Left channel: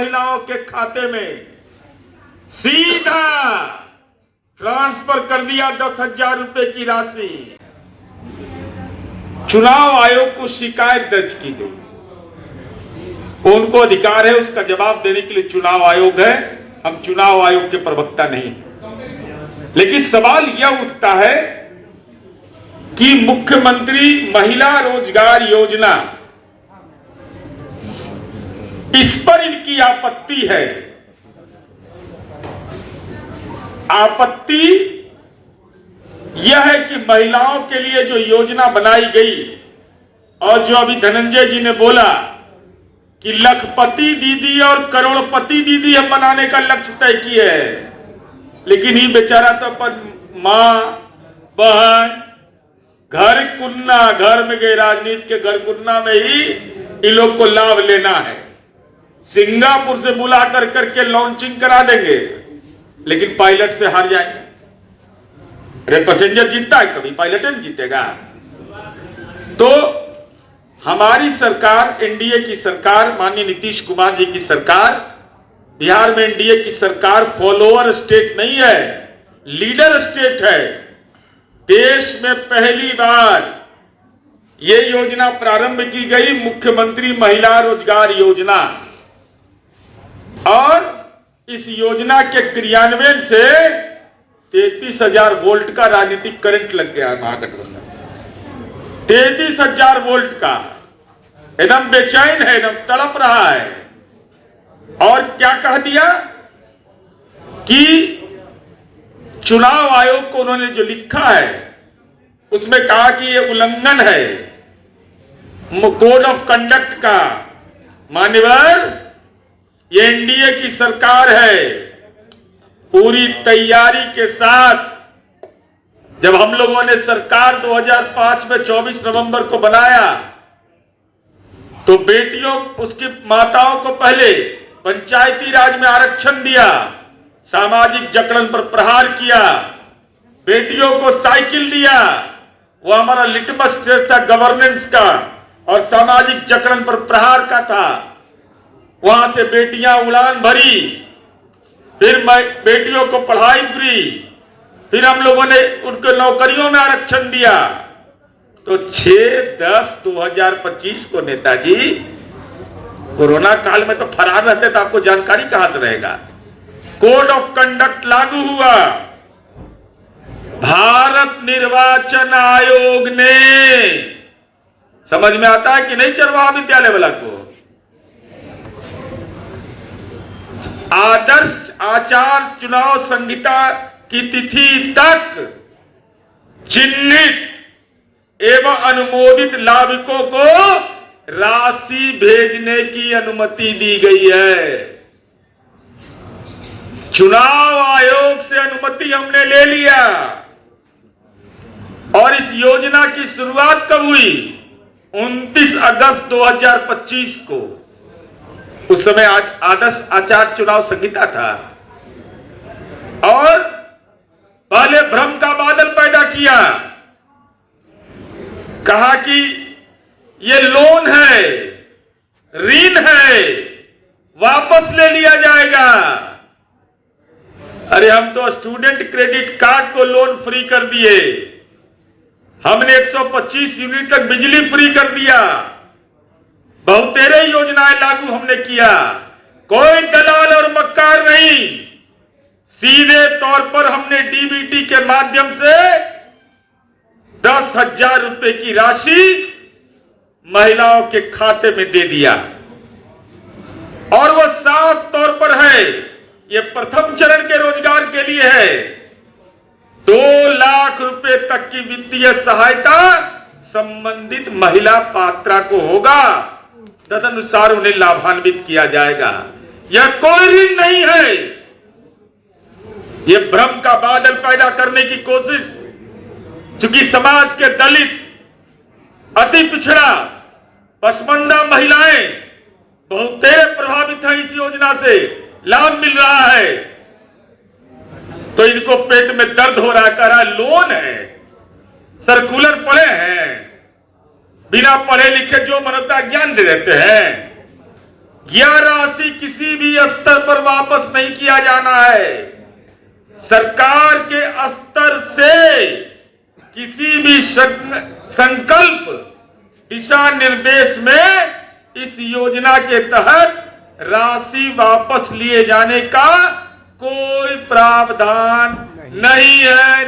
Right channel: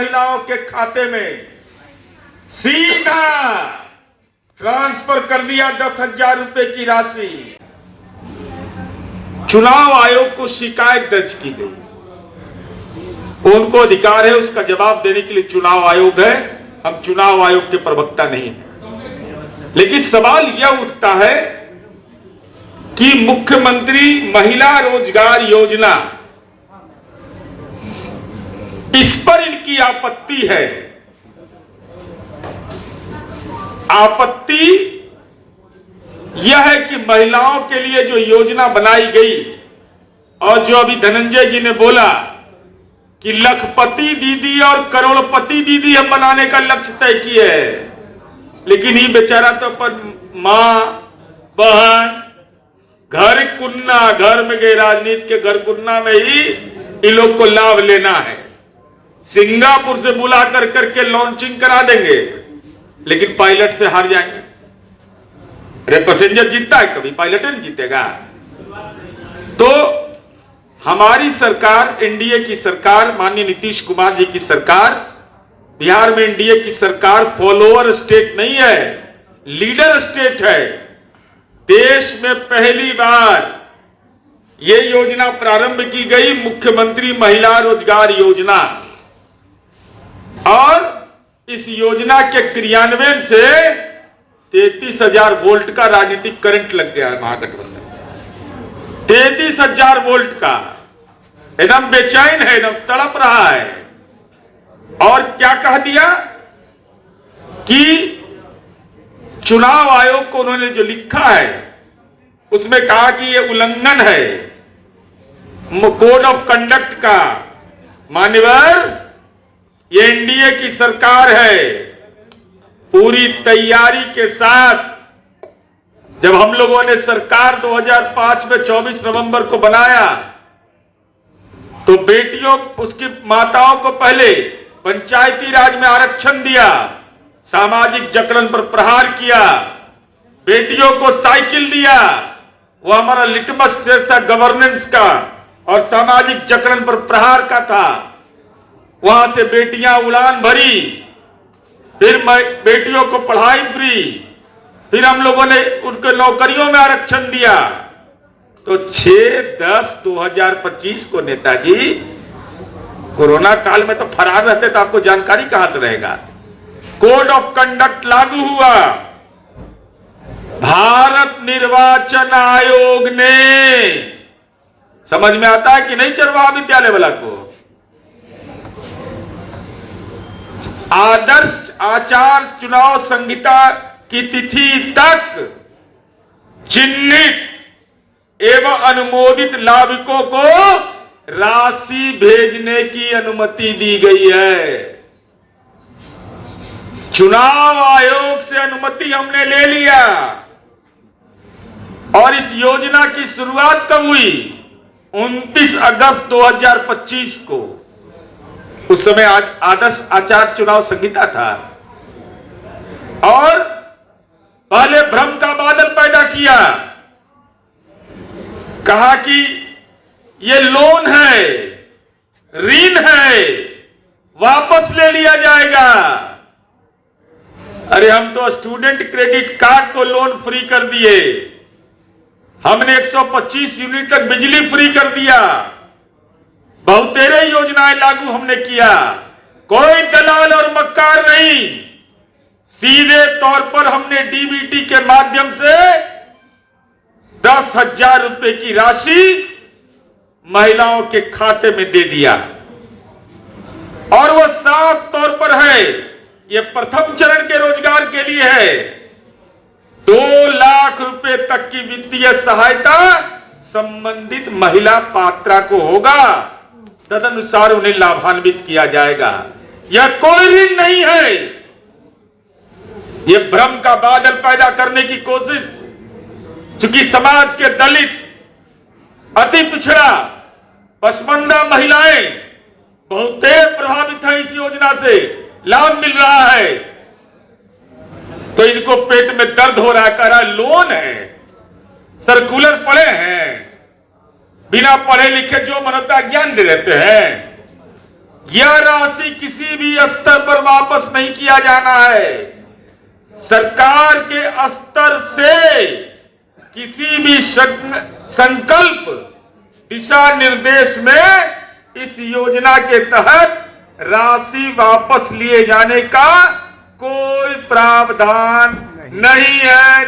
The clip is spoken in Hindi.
महिलाओं के खाते में सीधा ट्रांसफर कर दिया 10,000 रुपए की राशि। चुनाव आयोग को शिकायत दर्ज की गई, उनको अधिकार है उसका जवाब देने के लिए चुनाव आयोग है, हम चुनाव आयोग के प्रवक्ता नहीं हैं। लेकिन सवाल यह उठता है कि मुख्यमंत्री महिला रोजगार योजना, इस पर इनकी आपत्ति है। आपत्ति यह है कि महिलाओं के लिए जो योजना बनाई गई और जो अभी धनंजय जी ने बोला कि लखपति दीदी और करोड़पति दीदी हम बनाने का लक्ष्य तय किए है, लेकिन ये बेचारा तो पर मां बहन घर कुन्ना, घर में गए राजनीति के घर कुन्ना में ही इन लोग को लाभ लेना है। सिंगापुर से बुला कर करके लॉन्चिंग करा देंगे, लेकिन पायलट से हार जाएंगे। अरे पैसेंजर जीतता है कभी, पायलट नहीं जीतेगा। तो हमारी सरकार, एनडीए की सरकार, माननीय नीतीश कुमार जी की सरकार, बिहार में एनडीए की सरकार फॉलोअर स्टेट नहीं है, लीडर स्टेट है। देश में पहली बार यह योजना प्रारंभ की गई, मुख्यमंत्री महिला रोजगार योजना, और इस योजना के क्रियान्वयन से 33,000 वोल्ट का राजनीतिक करंट लग गया है महागठबंधन। 33,000 वोल्ट का, एकदम बेचैन है, एकदम तड़प रहा है। और क्या कह दिया कि चुनाव आयोग को उन्होंने जो लिखा है उसमें कहा कि ये उल्लंघन है कोड ऑफ कंडक्ट का। मान्यवर, ये एनडीए की सरकार है, पूरी तैयारी के साथ जब हम लोगों ने सरकार 2005 में 24 नवंबर को बनाया तो बेटियों, उसकी माताओं को पहले पंचायती राज में आरक्षण दिया, सामाजिक जकड़न पर प्रहार किया, बेटियों को साइकिल दिया, वो हमारा लिटमस टेस्ट था गवर्नेंस का और सामाजिक जकड़न पर प्रहार का था। वहां से बेटियां उड़ान भरी, फिर बेटियों को पढ़ाई फ्री, फिर हम लोगों ने उनके नौकरियों में आरक्षण दिया। तो 6/10/2025 को नेताजी कोरोना काल में तो फरार रहते, तो आपको जानकारी कहां से रहेगा। कोड ऑफ कंडक्ट लागू हुआ। भारत निर्वाचन आयोग ने, समझ में आता है कि नहीं चरवाहा विद्यालय वाला को, आदर्श आचार चुनाव संहिता की तिथि तक चिन्हित एवं अनुमोदित लाभुकों को राशि भेजने की अनुमति दी गई है। चुनाव आयोग से अनुमति हमने ले लिया। और इस योजना की शुरुआत कब हुई? 29 अगस्त 2025 को। उस समय आदर्श आचार चुनाव संहिता था और पहले भ्रम का बादल पैदा किया, कहा कि ये लोन है, ऋण है, वापस ले लिया जाएगा। अरे हम तो स्टूडेंट क्रेडिट कार्ड को लोन फ्री कर दिए, हमने 125 यूनिट तक बिजली फ्री कर दिया, बहुतेरे योजनाएं लागू हमने किया। कोई दलाल और मक्कार नहीं, सीधे तौर पर हमने डीबीटी के माध्यम से 10,000 रुपए की राशि महिलाओं के खाते में दे दिया। और वह साफ तौर पर है, यह प्रथम चरण के रोजगार के लिए है। 2 लाख रुपए तक की वित्तीय सहायता संबंधित महिला पात्रा को होगा, तदनुसार उन्हें लाभान्वित किया जाएगा। यह कोई ऋण नहीं है, यह भ्रम का बादल पैदा करने की कोशिश। चूंकि समाज के दलित, अति पिछड़ा, पसमंदा महिलाएं बहुत प्रभावित हैं इस योजना से, लाभ मिल रहा है, तो इनको पेट में दर्द हो रहा, कह रहा लोन है, सर्कुलर पढ़े हैं, बिना पढ़े लिखे जो मनता ज्ञान दे देते हैं। यह राशि किसी भी स्तर पर वापस नहीं किया जाना है। सरकार के स्तर से किसी भी संकल्प दिशा निर्देश में इस योजना के तहत राशि वापस लिए जाने का कोई प्रावधान नहीं है।